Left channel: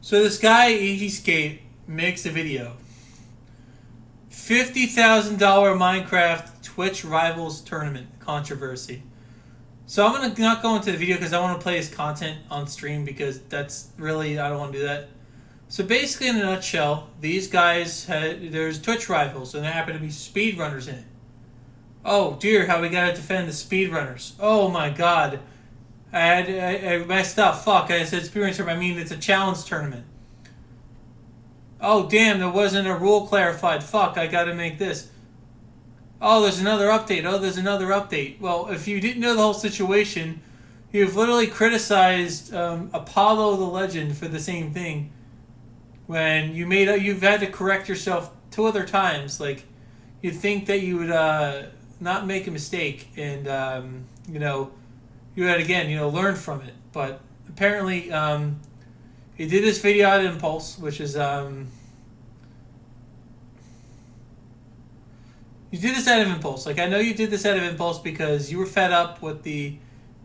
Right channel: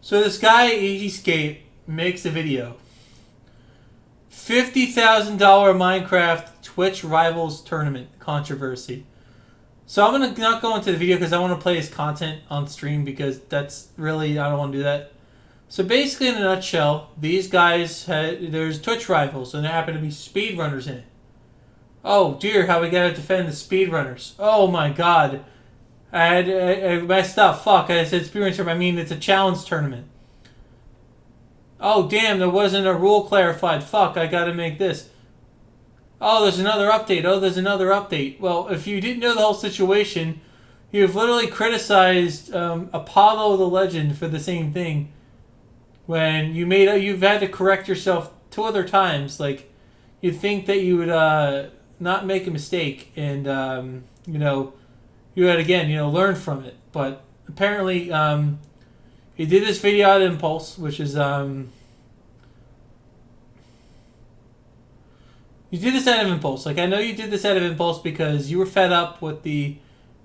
So this guy, Easy Skate, makes a video. $50,000 Minecraft Twitch Rivals Tournament controversy. So I'm gonna not go into the video because I want to play his content on stream because that's really I don't want to do that. So basically, in a nutshell, these guys there's Twitch rivals and there happen to be speedrunners in it. Oh dear, how we gotta defend the speedrunners. Oh my god, I messed up. Fuck, I said speedrunners. I mean it's a challenge tournament. Oh damn, there wasn't a rule clarified. Fuck, I gotta make this. Oh, there's another update. Oh, there's another update. Well, if you didn't know the whole situation, you've literally criticized Apollo the Legend for the same thing. When you've had to correct yourself two other times. Like, you'd think that you would not make a mistake and you had again learn from it. But apparently, he did this video at Impulse, which is you did this out of impulse. Like I know you did this out of impulse because you were fed up with the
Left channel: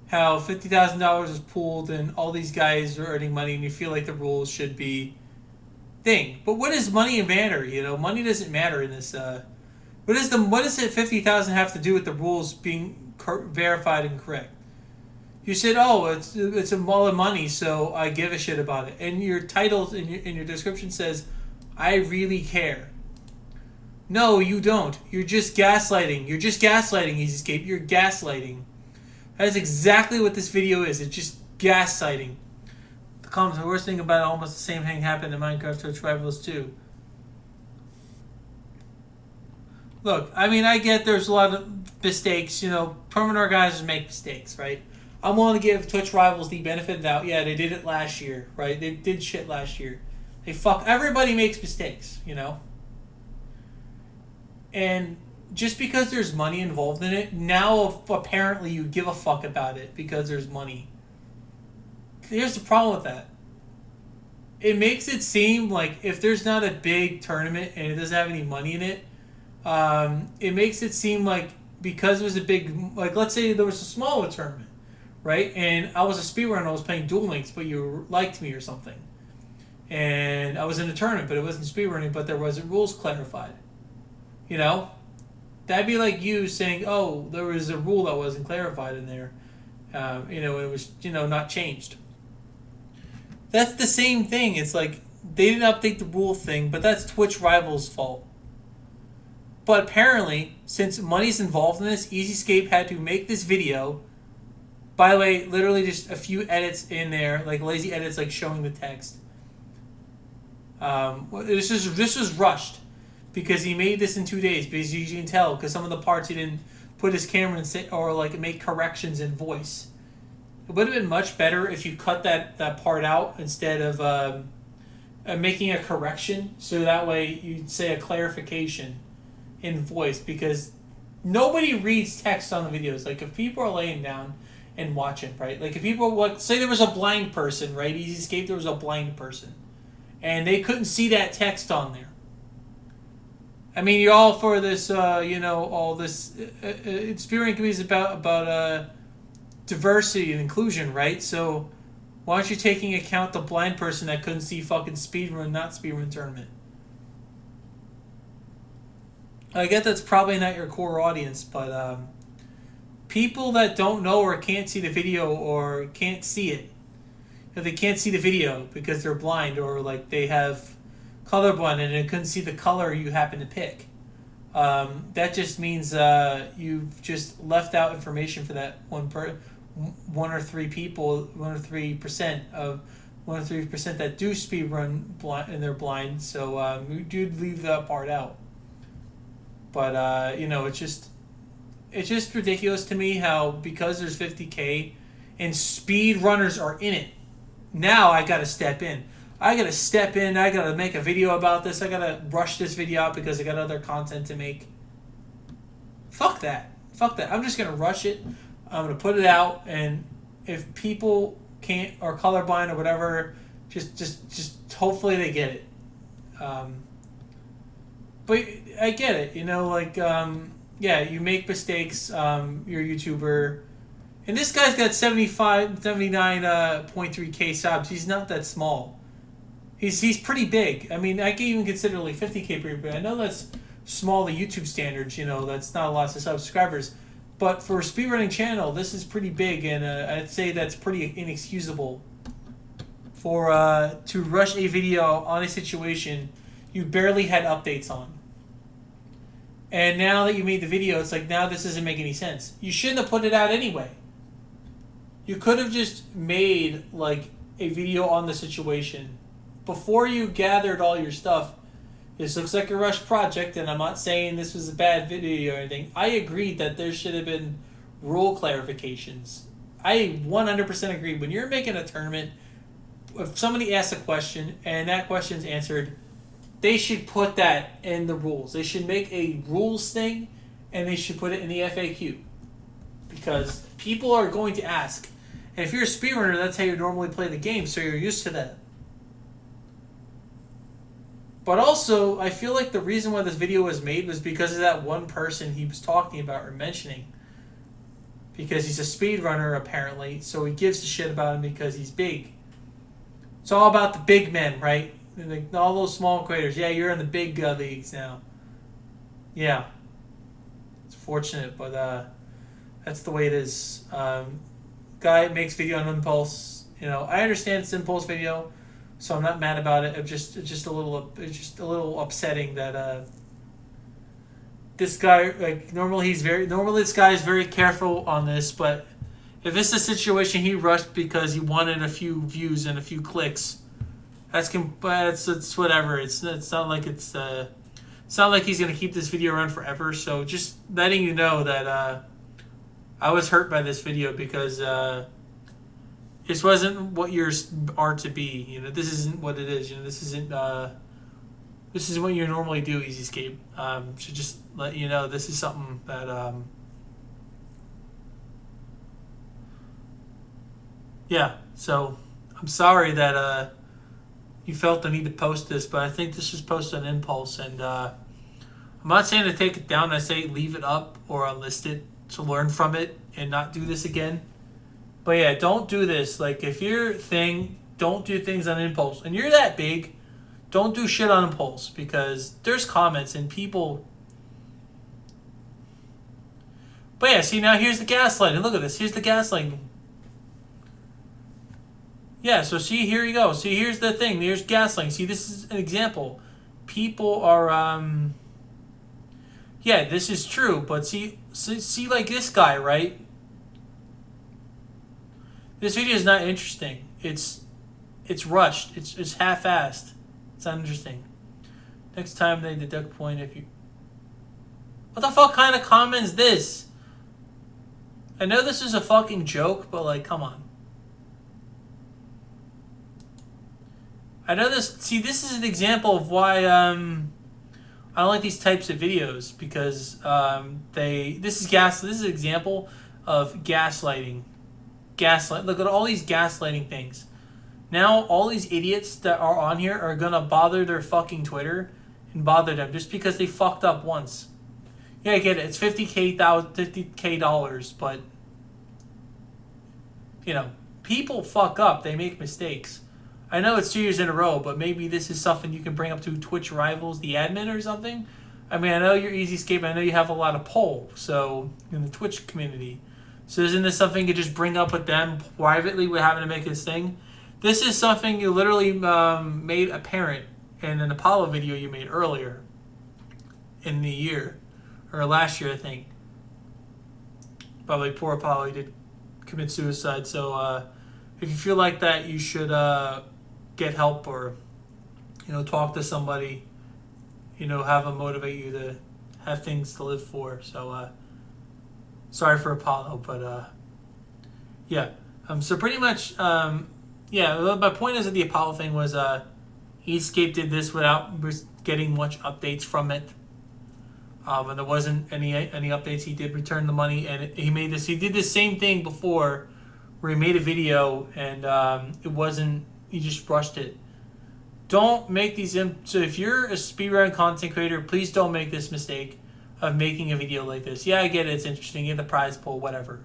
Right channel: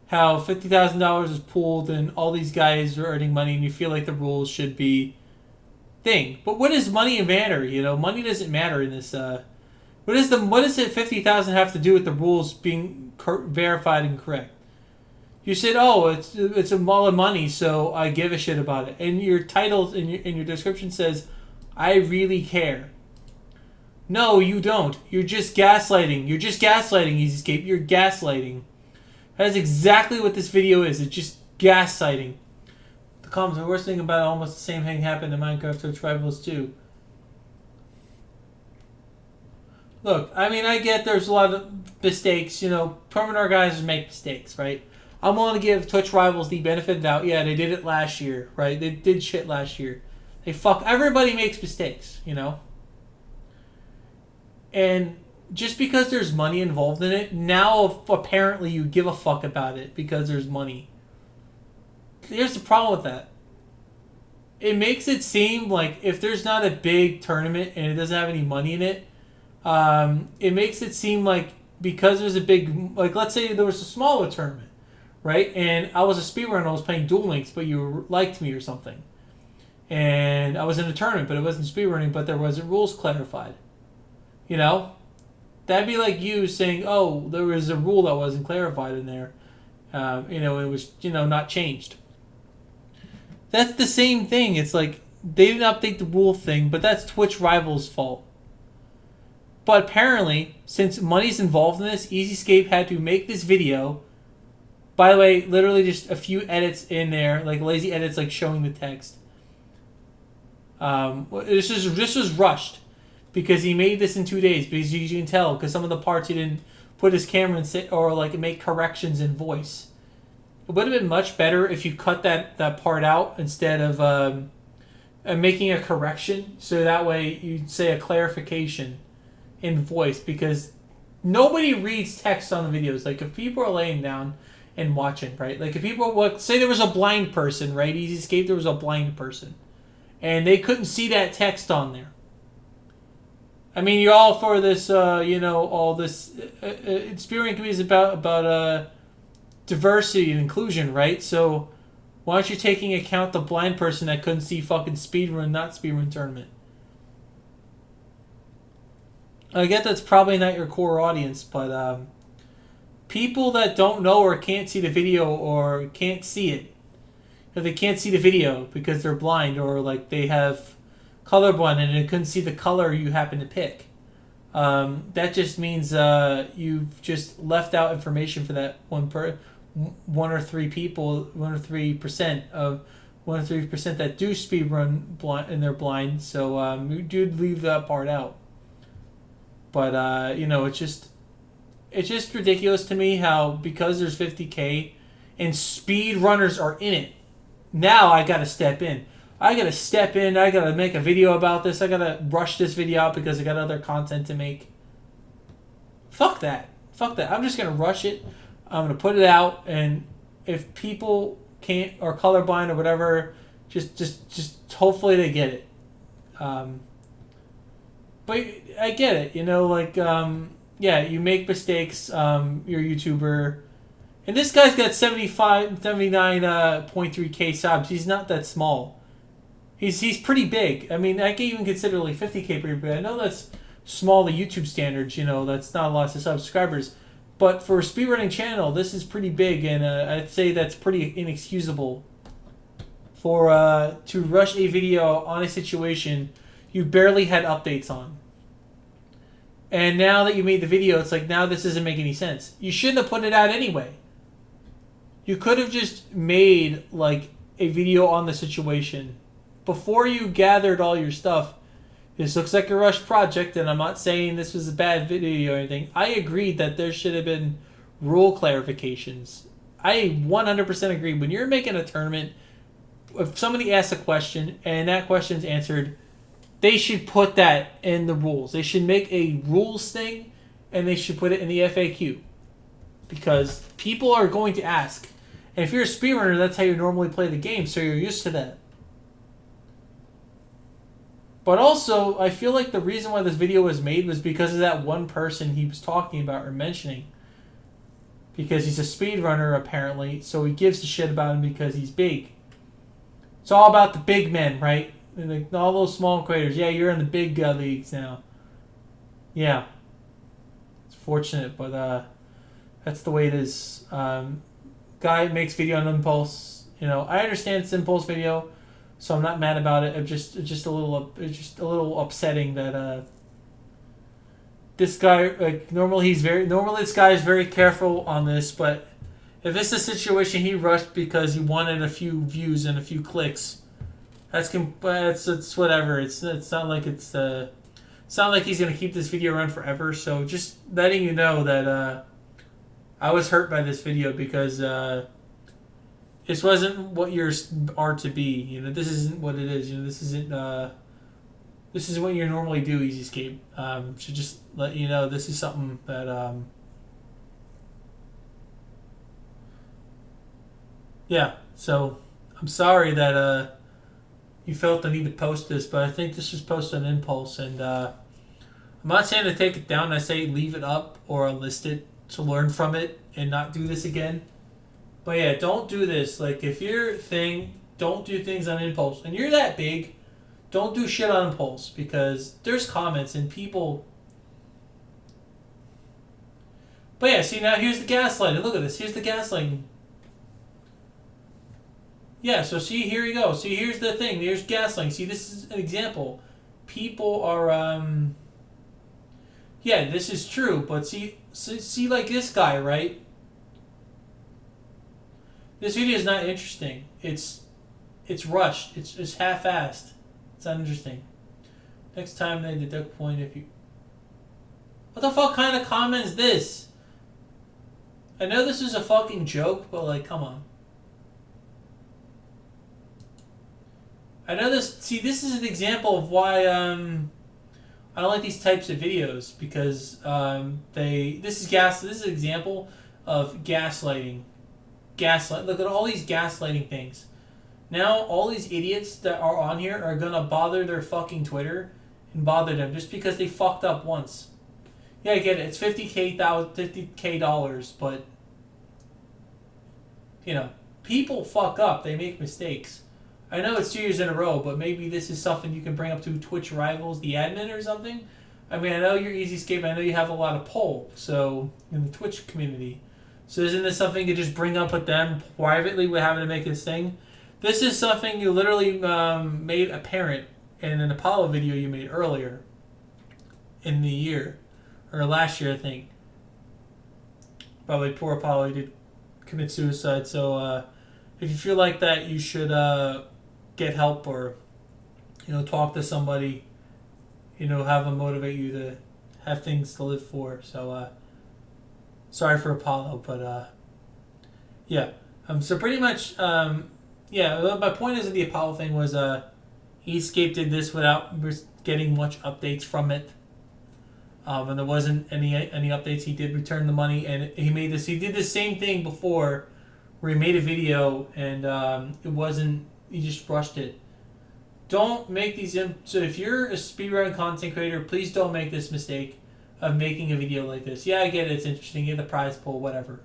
how $50,000 is pooled and all these guys are earning money, and you feel like the rules should be thing. But what does money matter? Money doesn't matter in this. What does it 50,000 have to do with the rules being verified and correct? You said, oh, it's a lot of money, so I give a shit about it. And your title in your description says, I really care. No, you don't. You're just gaslighting. You're just gaslighting, EasyScape. You're gaslighting. That is exactly what this video is. It's just gaslighting. The comments, the worst thing about it, almost the same thing happened in Minecraft Twitch Rivals too. Look, I mean, I get there's a lot of mistakes. Permanent guys make mistakes, right? I'm willing to give Twitch Rivals the benefit of the doubt. Yeah, they did it last year, right? They did shit last year. Everybody makes mistakes, And just because there's money involved in it, now apparently you give a fuck about it because there's money. Here's the problem with that. It makes it seem like if there's not a big tournament and it doesn't have any money in it, it makes it seem like because there's a big, like let's say there was a smaller tournament, right? And I was a speedrunner, I was playing Duel Links, but you liked me or something. And I was in a tournament, but it wasn't speedrunning, but there wasn't rules clarified. That'd be like you saying, oh, there was a rule that wasn't clarified in there. It was, not changed. That's the same thing. It's like they didn't update the rule thing, but that's Twitch Rivals' fault. But apparently, since money's involved in this, EasyScape had to make this video. By the way, literally just a few edits in there, like lazy edits, like showing the text. This was rushed. Because he made this in 2 days. Because you can tell, because some of the parts he didn't put his camera in or like make corrections in voice. It would have been much better if you cut that part out instead of making a correction. So that way you'd say a clarification in voice. Because nobody reads text on the videos. Like if people are laying down and watching, right? Like if people say there was a blind person, right? EasyScape, there was a blind person, and they couldn't see that text on there. I mean, you're all for this, all this. Spearmint community is about diversity and inclusion, right? So, why aren't you taking account the blind person that couldn't see fucking not speedrun tournament? I get that's probably not your core audience, but people that don't know or can't see the video or can't see it, if they can't see the video because they're blind or like they have colorblind and they couldn't see the color you happen to pick. That just means you've just left out information for that one or three people, 1 or 3% that do speedrun blind and they're blind. So you do leave that part out. But it's just ridiculous to me how because there's 50K and speedrunners are in it, now I gotta step in. I gotta make a video about this, I gotta rush this video out because I got other content to make. Fuck that. I'm just gonna rush it, I'm gonna put it out, and if people can't, or colorblind or whatever, just hopefully they get it. But I get it, yeah, you make mistakes, you're a YouTuber, and this guy's got 79.3K subs, he's not that small. He's pretty big. I mean, I can even consider like 50K pretty big. I know that's small to YouTube standards. That's not a lot of subscribers. But for a speedrunning channel, this is pretty big, and I'd say that's pretty inexcusable. For to rush a video on a situation you barely had updates on. And now that you made the video, it's like, now this doesn't make any sense. You shouldn't have put it out anyway. You could have just made like a video on the situation before you gathered all your stuff. This looks like a rushed project, and I'm not saying this was a bad video or anything. I agreed that there should have been rule clarifications. I 100% agree. When you're making a tournament, if somebody asks a question and that question's answered, they should put that in the rules. They should make a rules thing, and they should put it in the FAQ. Because people are going to ask. And if you're a speedrunner, that's how you normally play the game, so you're used to that. But also, I feel like the reason why this video was made was because of that one person he was talking about or mentioning. Because he's a speedrunner, apparently, so he gives a shit about him because he's big. It's all about the big men, right? Like all those small creators. Yeah, you're in the big leagues now. Yeah. It's fortunate, but that's the way it is. Guy makes video on Impulse. I understand it's Impulse video, so I'm not mad about it. It's just a little upsetting that this guy, like, normally this guy is very careful on this, but if it's a situation he rushed because he wanted a few views and a few clicks, it's whatever. It's not like it's not like he's gonna keep this video around forever. So just letting you know that I was hurt by this video because this wasn't what yours are to be. This isn't what it is. This isn't this is what you normally do, EasyScape. So just let you know, this is something that yeah. So I'm sorry that you felt the need to post this, but I think this was posted on Impulse, and I'm not saying to take it down. I say leave it up or unlist it to learn from it and not do this again. But yeah, don't do this. Like, if your thing, don't do things on Impulse. And you're that big, don't do shit on Impulse, because there's comments and people. But yeah, see, now here's the gaslighting. Look at this. Here's the gaslighting. Yeah, so see, here you go. See, here's the thing. There's gaslighting. See, this is an example. People are, yeah, this is true. But see like this guy, right? This video is not interesting. It's rushed. It's half-assed. It's not interesting. Next time they deduct point if you... What the fuck kind of comment is this? I know this is a fucking joke, but like, come on. I know this... See, this is an example of why I don't like these types of videos, because this is an example of gaslighting. Look at all these gaslighting things. Now all these idiots that are on here are gonna bother their fucking Twitter and bother them just because they fucked up once. Yeah, I get it. It's $50K dollars, but people fuck up. They make mistakes. I know it's 2 years in a row, but maybe this is something you can bring up to Twitch Rivals, the admin or something. I mean, I know you're EasyScape. I know you have a lot of pull, so in the Twitch community. So isn't this something you just bring up with them privately? We're having to make this thing. This is something you literally made apparent in an Apollo video you made earlier in the year, or last year, I think. Probably poor Apollo, he did commit suicide. So if you feel like that, you should get help, or talk to somebody. Have them motivate you to have things to live for. So sorry for Apollo, but yeah. So pretty much, yeah. My point is that the Apollo thing was EasyScape did this without getting much updates from it. And there wasn't any updates. He did return the money, and he made this. He did the same thing before, where he made a video and it wasn't. He just rushed it. Don't make these. So if you're a speedrun content creator, please don't make this mistake of making a video like this. Yeah, I get it. It's interesting. You get the prize pool, whatever.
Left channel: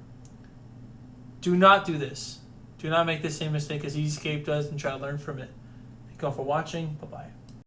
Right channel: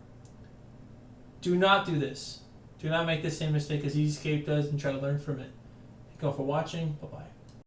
Do not do this. Do not make the same mistake as EasyScape does, and try to learn from it. Thank you all for watching. Bye bye.